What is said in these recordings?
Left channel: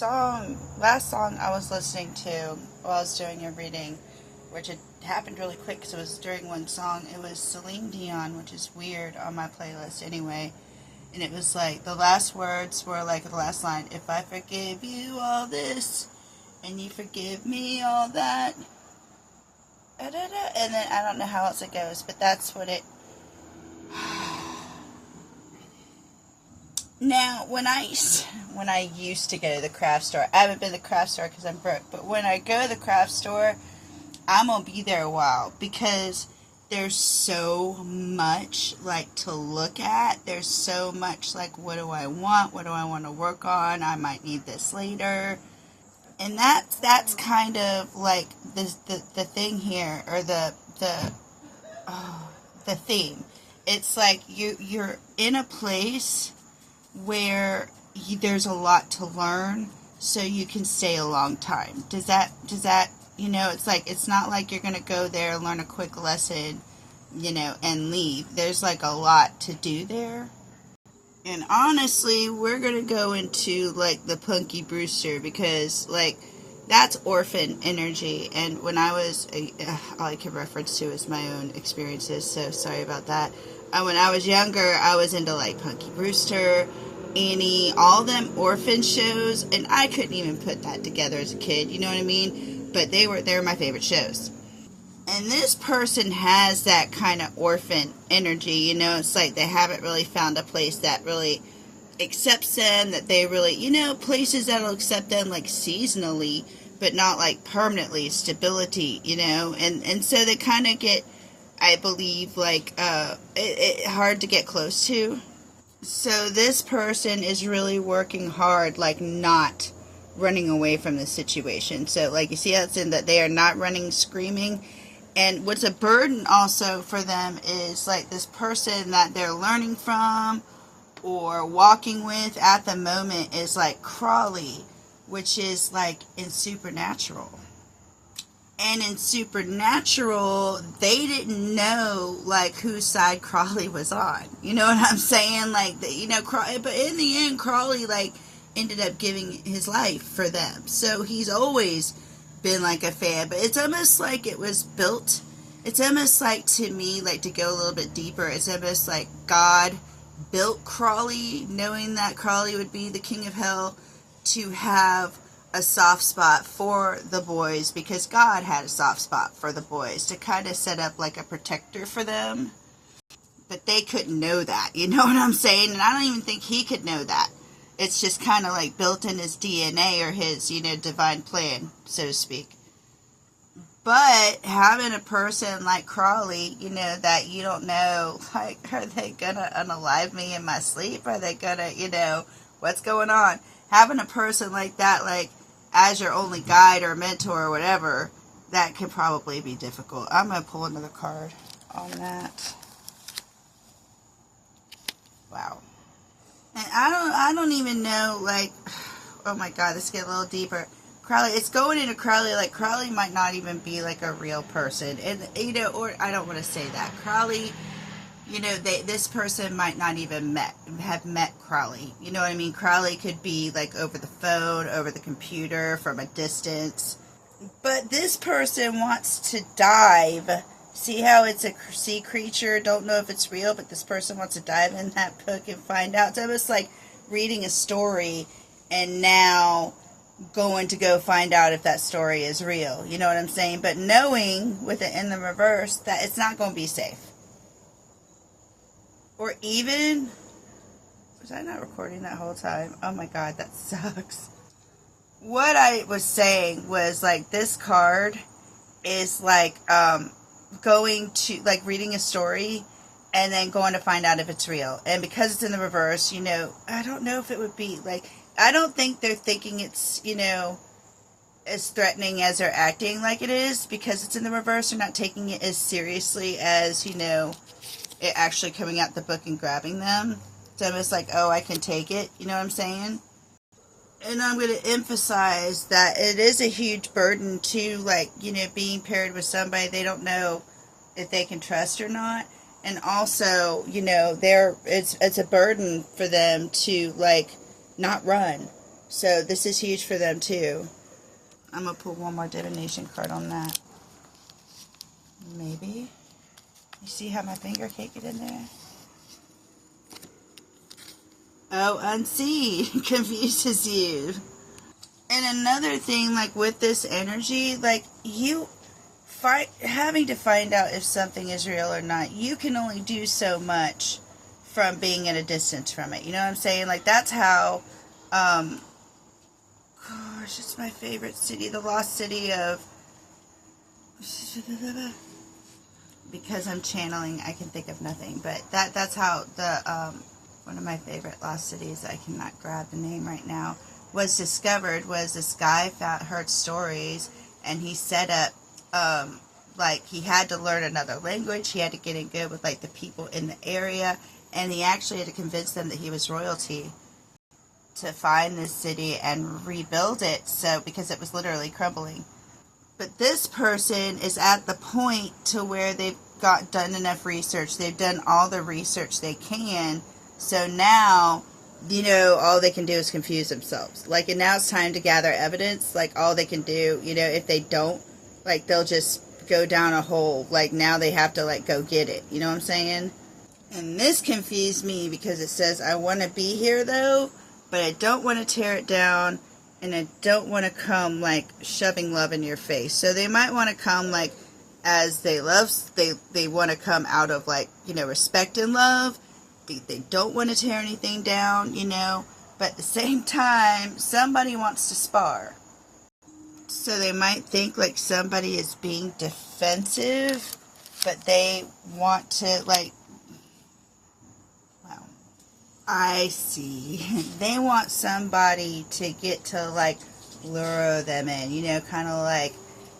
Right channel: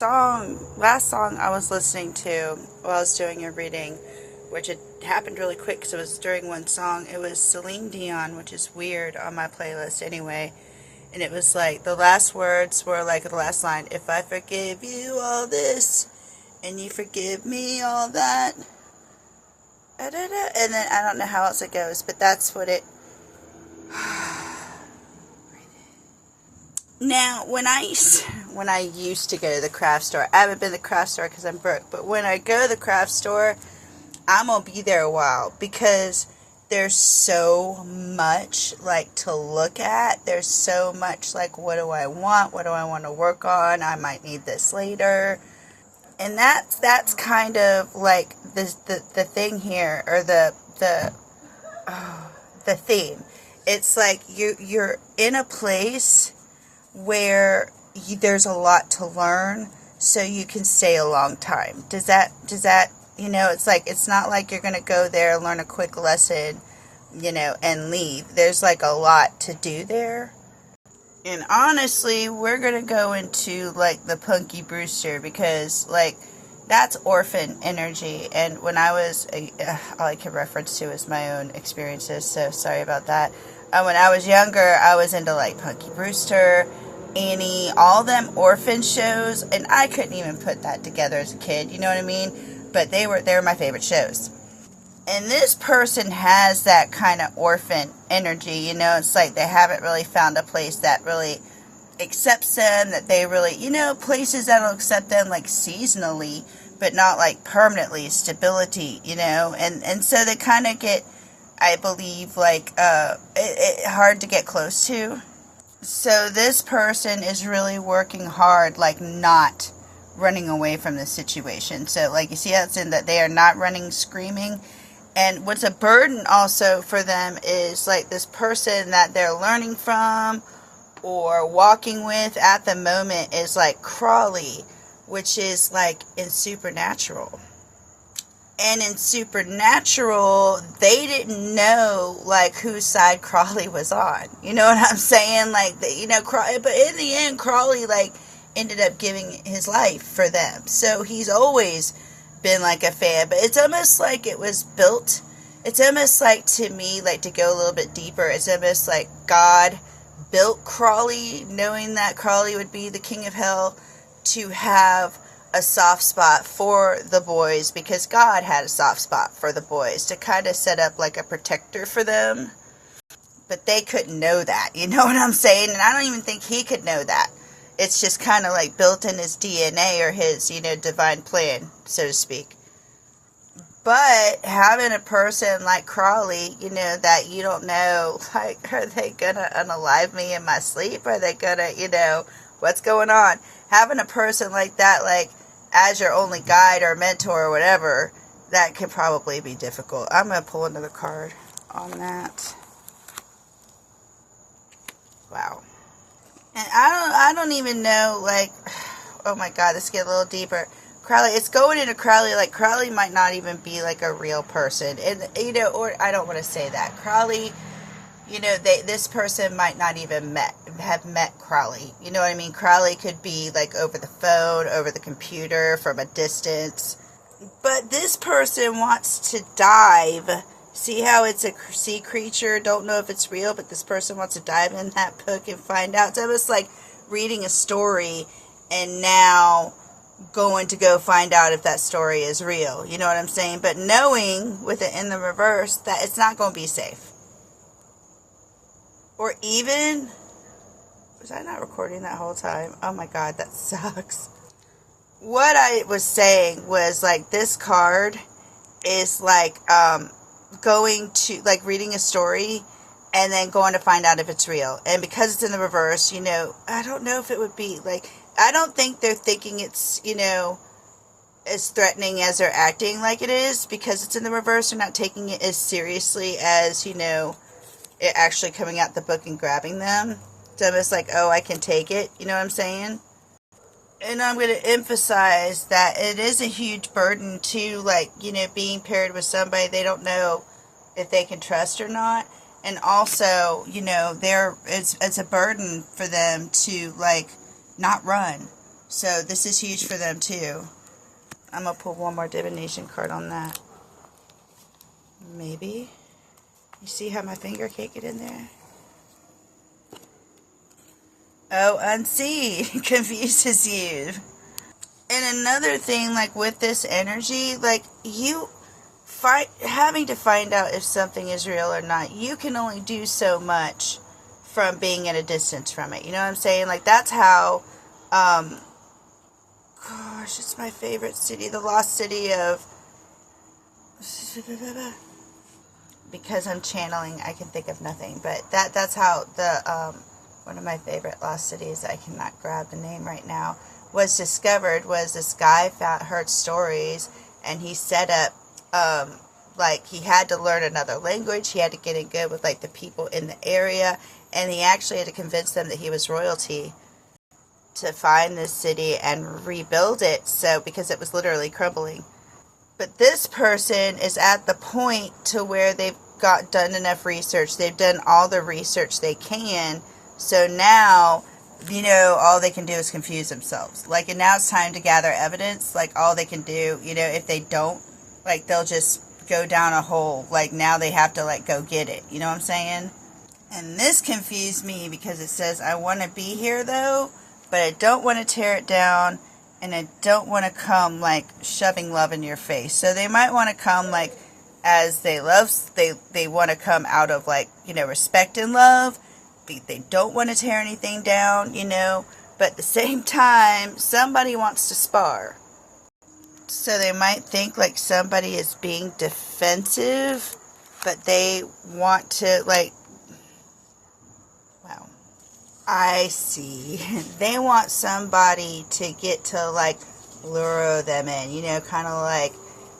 Last song I was listening to while I was doing a reading, which it happened really quick because it was during one song. It was Celine Dion, which is weird on my playlist anyway. And it was like the last words were like the last line: "If I forgive you all this, and you forgive me all that," and then I don't know how else it goes, but that's what it. Now, when I used to go to the craft store, I haven't been to the craft store because I'm broke, but when I go to the craft store, I'm going to be there a while because there's so much, like, to look at. There's so much, like, what do I want? What do I want to work on? I might need this later. And that's kind of, like, the thing here, or the theme. It's like you're in a place where there's a lot to learn, so you can stay a long time. Does that it's like, it's not like you're gonna go there, learn a quick lesson, and leave. There's like a lot to do there. And honestly, we're gonna go into like the Punky Brewster, because like that's orphan energy, and when I was all I can reference to is my own experiences, so sorry about that. When I was younger, I was into like Punky Brewster, Annie, all them orphan shows, and I couldn't even put that together as a kid, you know what I mean? But they were my favorite shows. And this person has that kind of orphan energy, it's like they haven't really found a place that really accepts them, that they really, places that'll accept them like seasonally, but not like permanently, stability, and so they kind of get, I believe, like, hard to get close to. So this person is really working hard, like not running away from the situation. So like you see how it's in that they are not running, screaming. And what's a burden also for them is like this person that they're learning from or walking with at the moment is like Crawley, which is like in Supernatural. And in Supernatural, they didn't know, like, whose side Crawley was on. You know what I'm saying? Like, but in the end, Crawley, like, ended up giving his life for them. So he's always been, like, a fan. But it's almost like it was built. It's almost like, to me, like, to go a little bit deeper, it's almost like God built Crawley, knowing that Crawley would be the king of hell, to have a soft spot for the boys, because God had a soft spot for the boys, to kind of set up like a protector for them. But they couldn't know that, you know what I'm saying? And I don't even think he could know that. It's just kind of like built in his DNA, or his, divine plan, so to speak. But having a person like Crawley, that you don't know, like, are they gonna unalive me in my sleep? Are they gonna, what's going on? Having a person like that, like, as your only guide or mentor or whatever, that could probably be difficult. I'm going to pull another card on that. Wow. And I don't even know, like, oh my God, let's get a little deeper. Crowley, it's going into Crowley, like, Crowley might not even be, like, a real person. And, or I don't want to say that. Crowley, this person might not even have met Crowley. You know what I mean? Crowley could be like over the phone, over the computer, from a distance. But this person wants to dive. See how it's a sea creature? Don't know if it's real, but this person wants to dive in that book and find out. It's almost like reading a story and now going to go find out if that story is real. You know what I'm saying? But knowing, with it in the reverse, that it's not going to be safe. Or even, was I not recording that whole time? Oh my God, that sucks. What I was saying was, like, this card is like going to, like, reading a story and then going to find out if it's real. And because it's in the reverse, I don't know if it would be, like, I don't think they're thinking it's, as threatening as they're acting like it is, because it's in the reverse. They're not taking it as seriously as, it actually coming out the book and grabbing them. So almost like, oh, I can take it. You know what I'm saying? And I'm going to emphasize that it is a huge burden to, like, being paired with somebody they don't know if they can trust or not. And also, it's a burden for them to, like, not run. So this is huge for them too. I'm going to pull one more divination card on that. Maybe. You see how my finger can't get in there? Oh, unseen confuses you. And another thing, like with this energy, like you having to find out if something is real or not, you can only do so much from being at a distance from it. You know what I'm saying? Like that's how, gosh, it's my favorite city, the lost city of, because I'm channeling, I can think of nothing, but that's how the, one of my favorite lost cities, I cannot grab the name right now, was discovered. Was this guy heard stories, and he set up, like he had to learn another language, he had to get in good with like the people in the area, and he actually had to convince them that he was royalty to find this city and rebuild it, so because it was literally crumbling. But this person is at the point to where they've done enough research, they've done all the research they can, so now, you know, all they can do is confuse themselves. Like, and now it's time to gather evidence. Like, all they can do, you know, if they don't, like, they'll just go down a hole. Like, now they have to, like, go get it. You know what I'm saying? And this confused me because it says, I want to be here, though, but I don't want to tear it down, and I don't want to come, like, shoving love in your face. So they might want to come, like, as they love, they want to come out of, like, you know, respect and love. They don't want to tear anything down, you know, but at the same time, somebody wants to spar. So they might think like somebody is being defensive, but they want to, like, well, I see. They want somebody to get to, like, lure them in, you know, kind of like,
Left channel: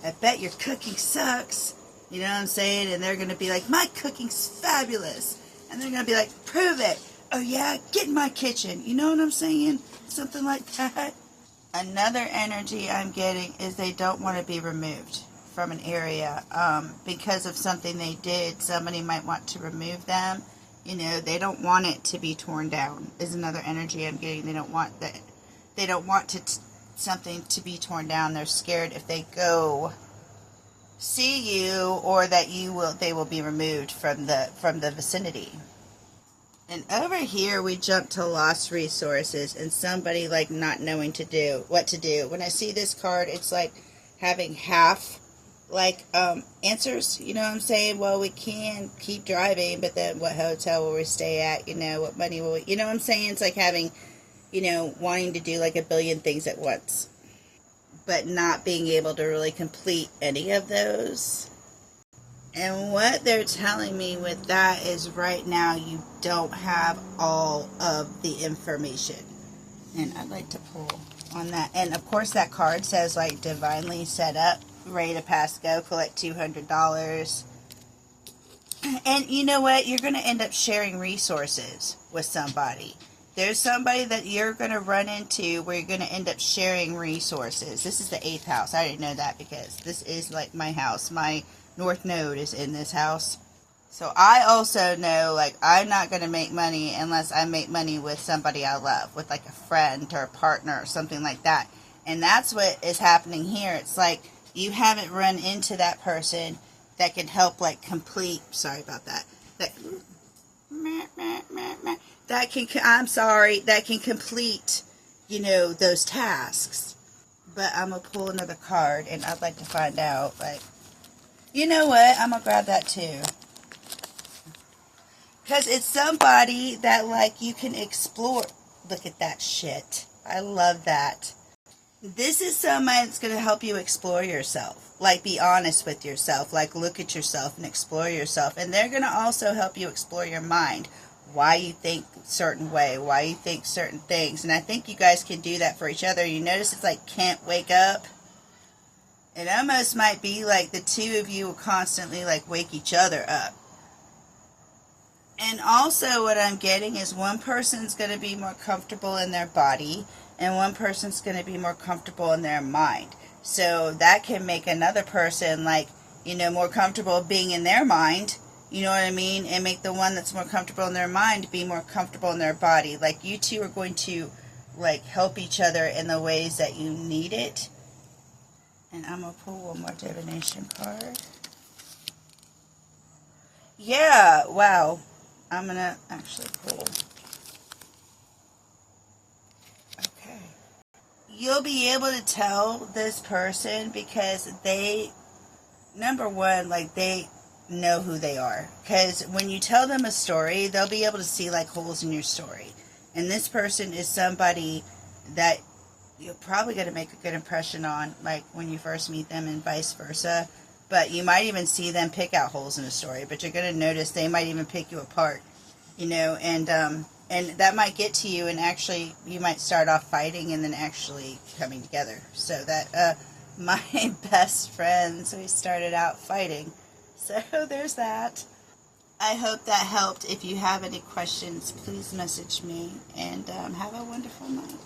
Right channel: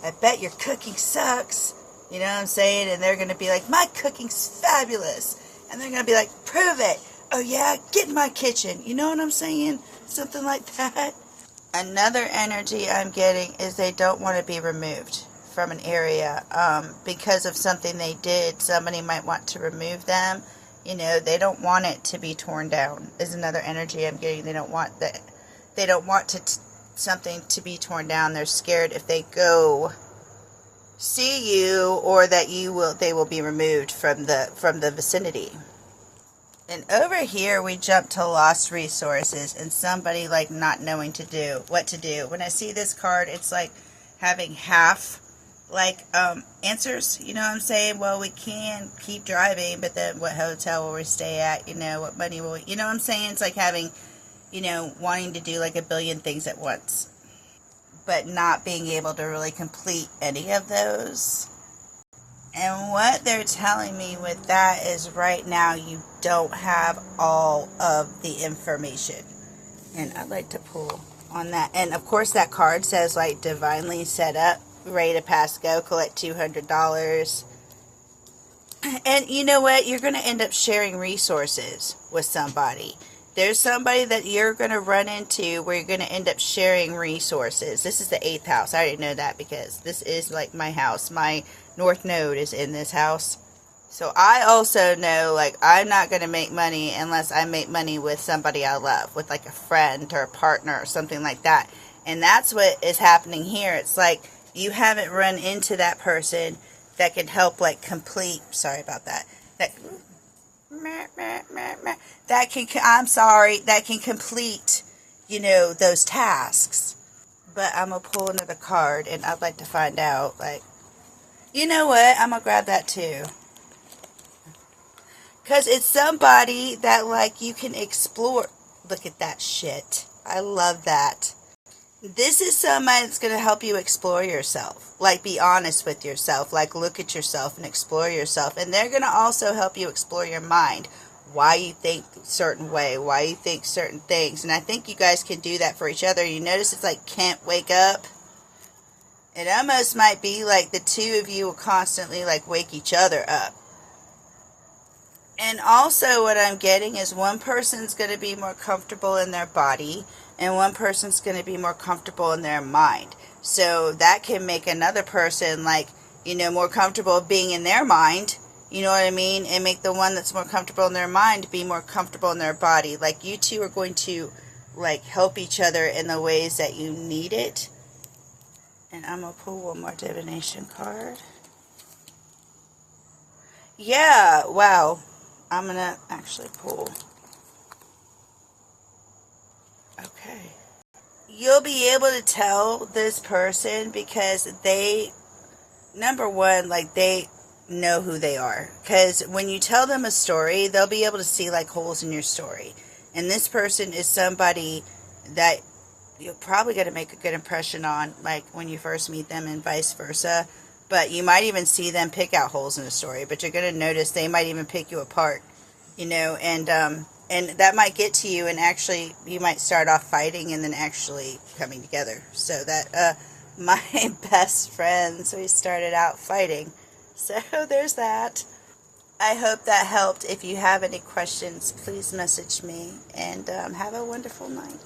I bet your cooking sucks, you know what I'm saying? And they're going to be like, my cooking's fabulous. And they're going to be like, prove it. Oh, yeah, get in my kitchen. You know what I'm saying? Something like that. Another energy I'm getting is they don't want to be removed from an area because of something they did. Somebody might want to remove them. You know, they don't want it to be torn down is another energy I'm getting. They don't want that. They don't want something to be torn down. They're scared if they go see you, or that they will be removed from the vicinity. And over here we jump to lost resources and somebody like not knowing what to do. When I see this card, it's like having half like answers, you know what I'm saying? Well, we can keep driving, but then what hotel will we stay at? You know, what money will we, you know what I'm saying? It's like having, you know, wanting to do like a billion things at once, but not being able to really complete any of those. And what they're telling me with that is right now you don't have all of the information. And I'd like to pull on that. And of course that card says like divinely set up, ready to pass go, collect $200. And you know what? You're going to end up sharing resources with somebody. There's somebody that you're going to run into where you're going to end up sharing resources. This is the 8th house. I already know that because this is like my house. My North Node is in this house. So I also know like I'm not going to make money unless I make money with somebody I love, with like a friend or a partner or something like that. And that's what is happening here. It's like you haven't run into that person that can help like complete, sorry about that, that can complete, you know, those tasks. But I'm going to pull another card, and I'd like to find out, like, you know what, I'm going to grab that too. Because it's somebody that, like, you can explore. Look at that shit. I love that. This is somebody that's going to help you explore yourself. Like, be honest with yourself. Like, look at yourself and explore yourself. And they're going to also help you explore your mind. Why you think a certain way. Why you think certain things. And I think you guys can do that for each other. You notice it's like, can't wake up. It almost might be like the two of you will constantly, like, wake each other up. And also what I'm getting is one person's going to be more comfortable in their body, and one person's going to be more comfortable in their mind. So that can make another person, like, you know, more comfortable being in their mind, you know what I mean? And make the one that's more comfortable in their mind be more comfortable in their body. Like, you two are going to like help each other in the ways that you need it. And I'm going to pull one more divination card. Yeah, wow. I'm going to actually pull. Okay. You'll be able to tell this person because they, number one, like they know who they are. Because when you tell them a story, they'll be able to see like holes in your story. And this person is somebody that you're probably going to make a good impression on, like when you first meet them and vice versa. But you might even see them pick out holes in the story. But you're going to notice they might even pick you apart, you know, and that might get to you, and actually you might start off fighting and then actually coming together. So that my best friends, we started out fighting. So there's that. I hope that helped. If you have any questions, please message me, and have a wonderful night.